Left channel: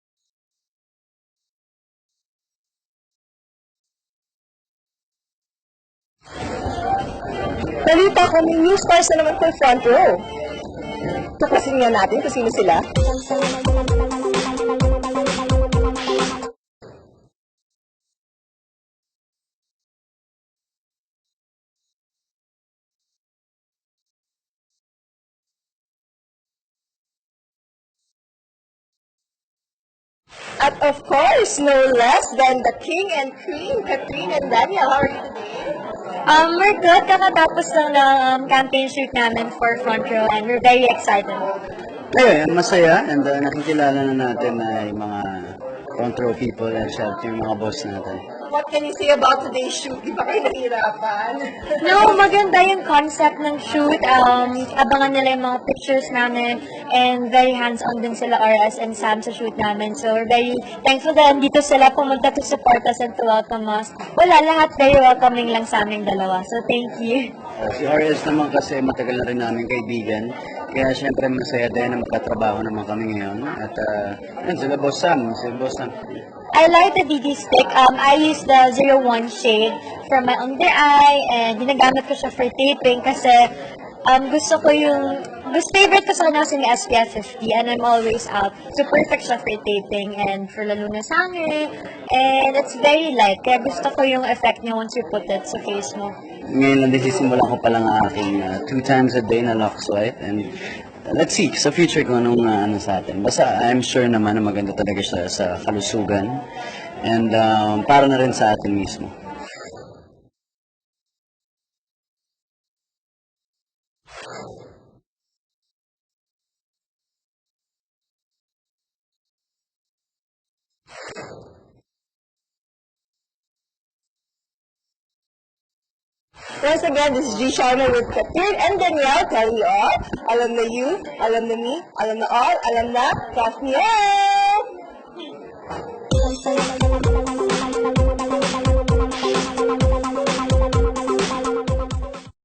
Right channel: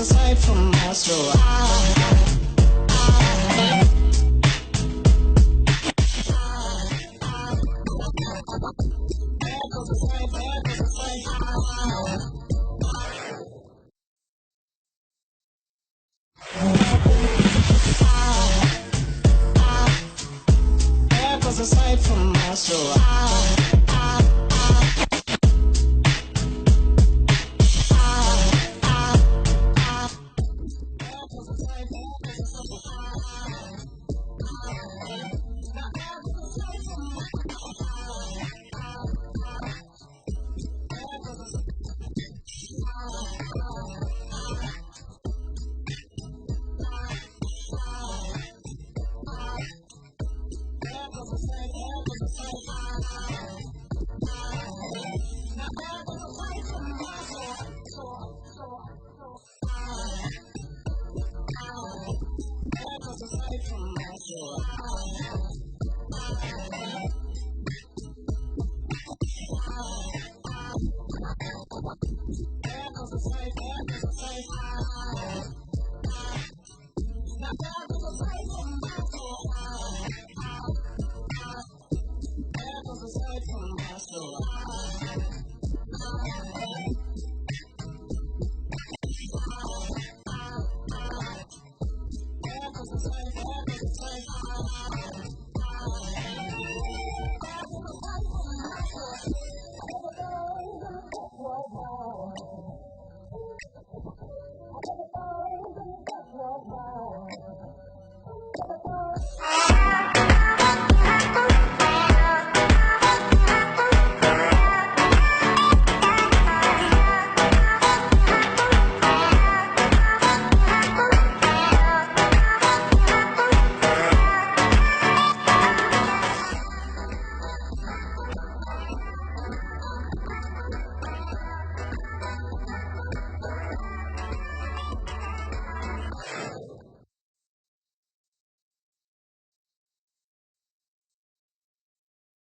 aside from us, so Balita ko, may new stars na naman kay front row. Tukusin nga natin kung sino sila. aside from us, so At of course, no less than the king and queen, Catherine and Daniel. How are you? We're good. Kakatapos lang ng campaign shoot namin for Front Row and we're very excited. Ayun, masaya and nakikilala na natin na yung mga front row people and syempre yung mga boss natin. What can you say about today's shoot? Di ba kayo nahirapan? No, maganda yung concept ng shoot. Abangan nila yung mga pictures namin and very hands-on din sila RS and Sam sa shoot namin. So we're very thankful na dito sila pumunta to support us and to welcome us. Wala, lahat very welcoming lang sa aming dalawa. So thank you. Si RS naman kasi matagal na rin namin kaibigan. Kaya syempre masaya din na magkatrabaho naman kami ngayon. At yun, sila Boss Sam. I like the BD stick. I use the 01 shade for my under eye and ginagamit ko siya for taping kasi favorite ko sa kanya kasi may SPF 50 and I'm always out. So perfect siya for taping and for lalo na sa hangin. And it's very light kaya gusto ko yung effect niya once you put it sa face mo. Ngayon lang sisimulan ko pa lang ang aking 2 times a day na Lux Light and let's see sa future kung anong ano sa atin. Basta I'm sure naman na maganda talaga siya sa kalusugan and para na rin sa atin mismo. Once again, this is G. Sharma with Catherine and Danielle telling you all, alam na you, alam na me, alam na all, alam na, Kathleen!